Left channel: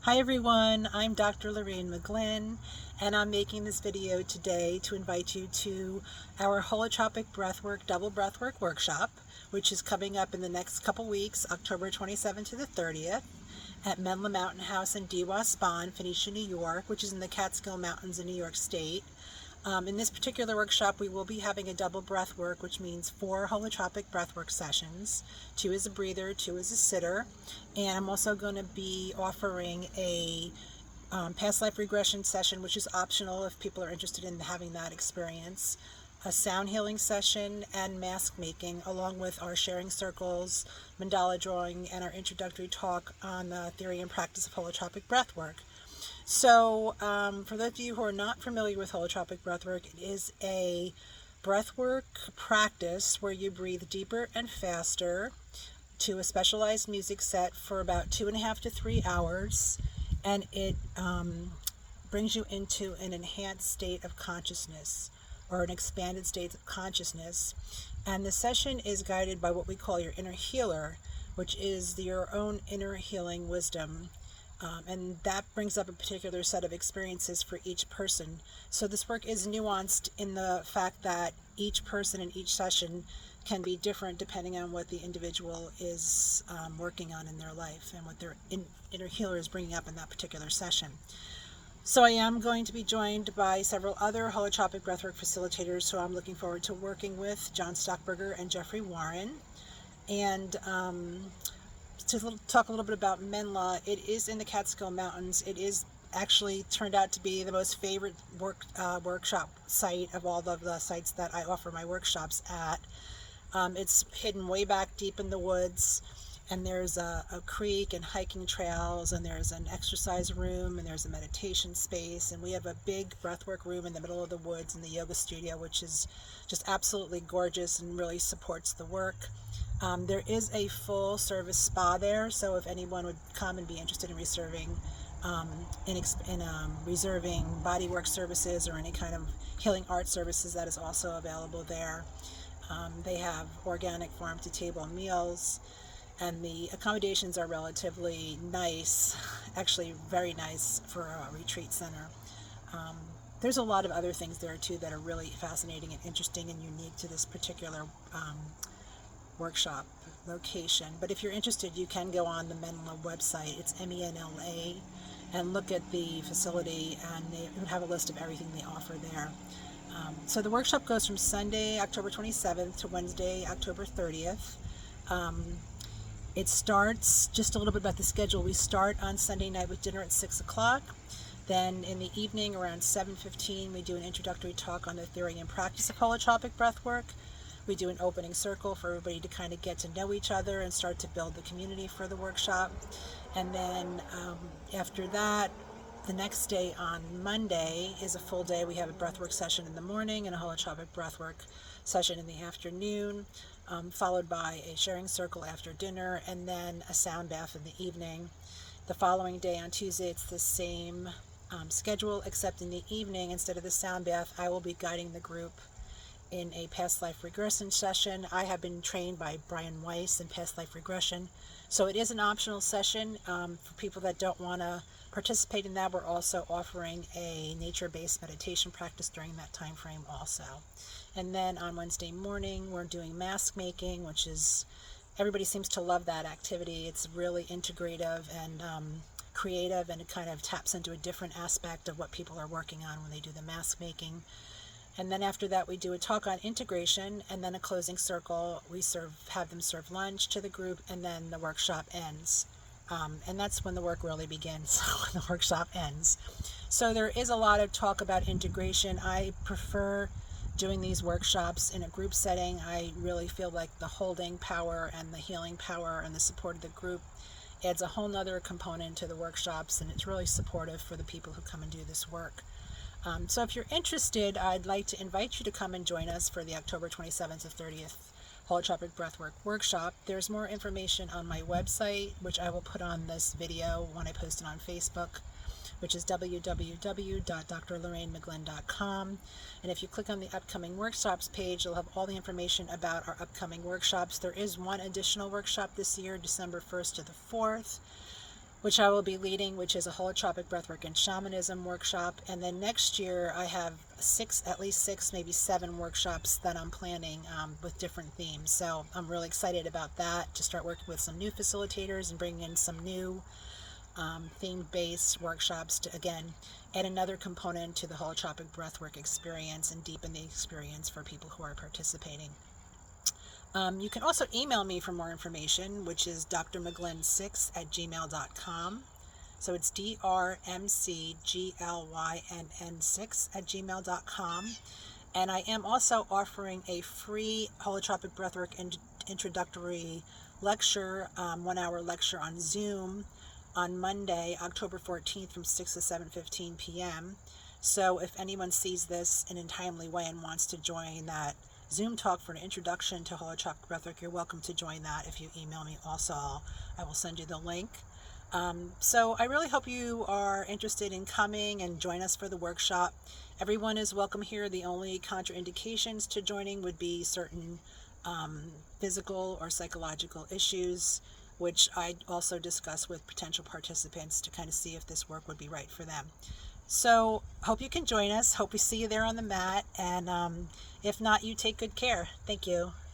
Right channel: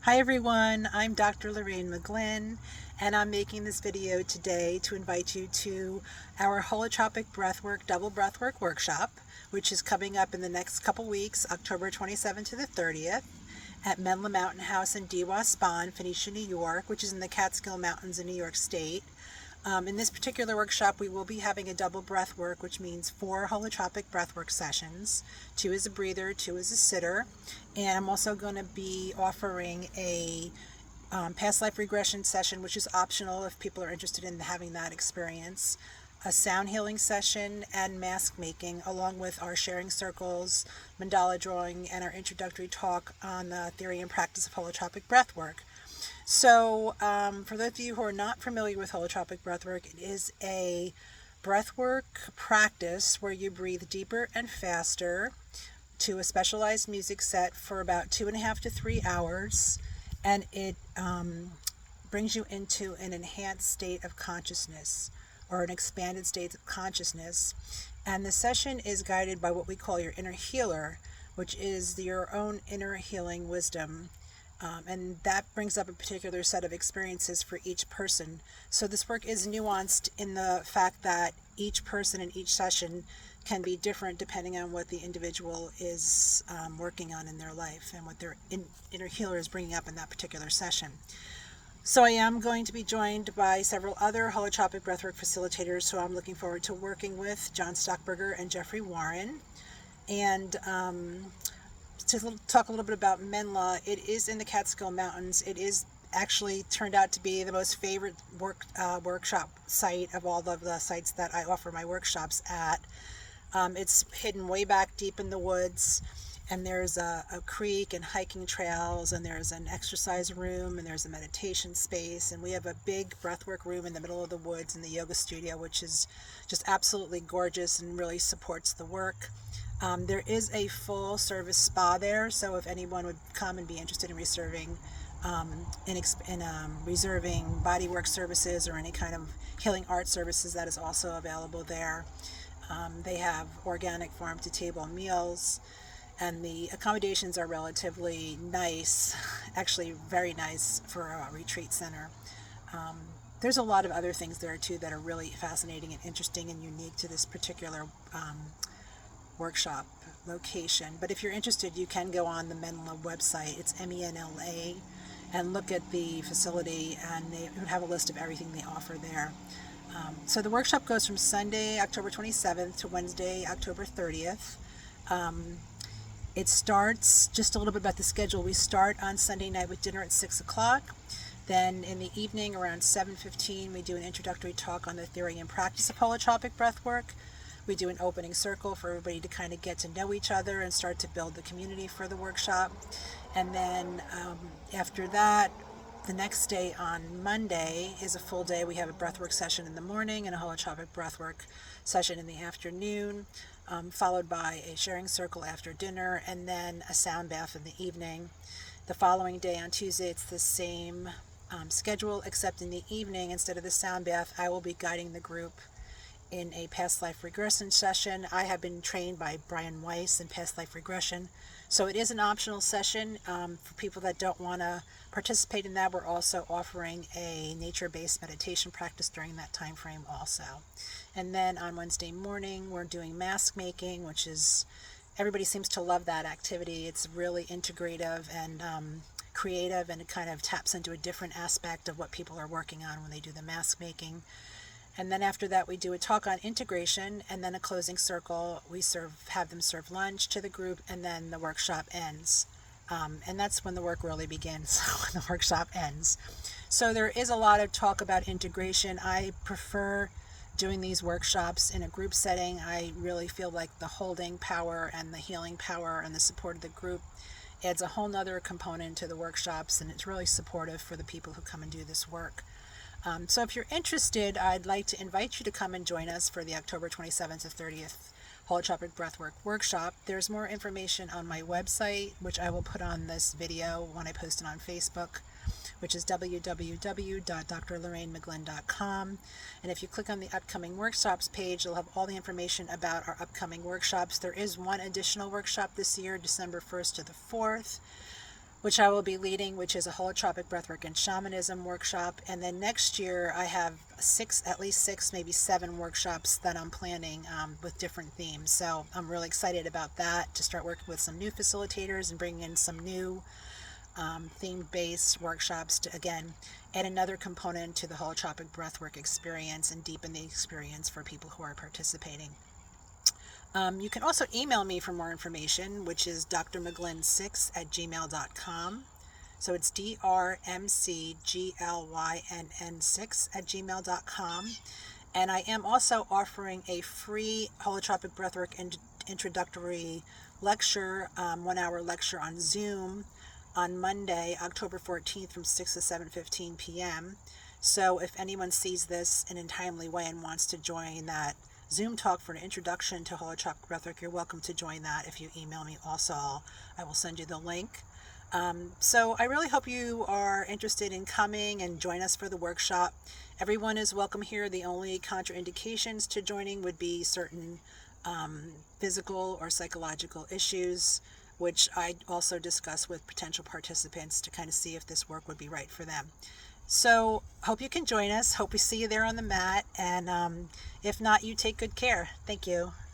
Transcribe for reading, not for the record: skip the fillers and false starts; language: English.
Hi everyone, I'm Dr. Lorraine McGlynn, and I'm making this video today to invite you to our Holotropic breathwork double breathwork workshop, which is coming up in the next couple weeks, October 27th to the 30th, at Menla Mountain House in Dewa Spa in Phoenicia, New York, which is in the Catskill Mountains in New York State. In this particular workshop, we will be having a double breath work, which means 4 holotropic breathwork sessions, 2 as a breather, 2 as a sitter. And I'm also going to be offering a past life regression session, which is optional if people are interested in having that experience, a sound healing session, and mask making, along with our sharing circles, mandala drawing, and our introductory talk on the theory and practice of holotropic breathwork. So for those of you who are not familiar with holotropic breathwork, it is a breathwork practice where you breathe deeper and faster to a specialized music set for about 2.5 to 3 hours, and it brings you into an enhanced state of consciousness or an expanded state of consciousness. And the session is guided by what we call your inner healer, which is your own inner healing wisdom. And that brings up a particular set of experiences for each person. So this work is nuanced in the fact that each person in each session can be different depending on what the individual is working on in their life and what their inner healer is bringing up in that particular session. So I am going to be joined by several other holotropic breathwork facilitators who I'm looking forward to working with, John Stockberger and Jeffrey Warren. And to talk a little bit about Menla, it is in the Catskill Mountains. It is actually turned out to be the most favorite workshop site of all of the sites that I offer my workshops at. It's hidden way back deep in the woods, and there's a creek and hiking trails, and there's an exercise room, and there's a meditation space, and we have a big breathwork room in the middle of the woods in the yoga studio, which is just absolutely gorgeous and really supports the work. There is a full service spa there, so if anyone would come and be interested in reserving reserving bodywork services or any kind of healing art services, that is also available there. They have organic farm-to-table meals, and the accommodations are relatively nice, actually very nice for a retreat center. There's a lot of other things there too that are really fascinating and interesting and unique to this particular workshop location. But if you're interested, you can go on the Menla website. It's MENLA, and look at the facility, and they would have a list of everything they offer there. So the workshop goes from Sunday, October 27th to Wednesday, October 30th. It starts, just a little bit about the schedule. We start on Sunday night with dinner at 6 o'clock. Then in the evening around 7:15, we do an introductory talk on the theory and practice of holotropic breathwork. We do an opening circle for everybody to kind of get to know each other and start to build the community for the workshop. And then after that, the next day on Monday is a full day. We have a breathwork session in the morning and a holotropic breathwork session in the afternoon, followed by a sharing circle after dinner, and then a sound bath in the evening. The following day on Tuesday, it's the same schedule, except in the evening, instead of the sound bath, I will be guiding the group in a past life regression session. I have been trained by Brian Weiss in past life regression, so it is an optional session for people that don't want to participate in that. We're also offering a nature-based meditation practice during that time frame also. And then on Wednesday morning, we're doing mask making, which is, everybody seems to love that activity. It's really integrative and creative, and it kind of taps into a different aspect of what people are working on when they do the mask making. And then after that, we do a talk on integration, and then a closing circle. We have them serve lunch to the group, and then the workshop ends. And that's when the work really begins, when the workshop ends. So there is a lot of talk about integration. I prefer doing these workshops in a group setting. I really feel like the holding power and the healing power and the support of the group adds a whole nother component to the workshops, and it's really supportive for the people who come and do this work. So if you're interested, I'd like to invite you to come and join us for the October 27th to 30th Holotropic Breathwork Workshop. There's more information on my website, which I will put on this video when I post it on Facebook, which is www.drlorrainemcglynn.com. And if you click on the upcoming workshops page, you'll have all the information about our upcoming workshops. There is one additional workshop this year, December 1st to the 4th. which I will be leading, which is a holotropic breathwork and shamanism workshop. And then next year I have at least six, maybe 7 workshops that I'm planning with different themes. So I'm really excited about that, to start working with some new facilitators and bringing in some new theme-based workshops to, again, add another component to the holotropic breathwork experience and deepen the experience for people who are participating. You can also email me for more information, which is drmcglynn6@gmail.com. So it's drmcglynn6@gmail.com. And I am also offering a free holotropic breathwork introductory lecture, 1-hour lecture on Zoom on Monday, October 14th from 6 to 7:15 p.m. So if anyone sees this in a timely way and wants to join that Zoom talk for an introduction to holotropic breathwork, you're welcome to join that. If you email me also, I will send you the link. So I really hope you are interested in coming and join us for the workshop. Everyone is welcome here. The only contraindications to joining would be certain physical or psychological issues, which I also discuss with potential participants to kind of see if this work would be right for them. So hope you can join us. Hope we see you there on the mat. And if not, you take good care. Thank you.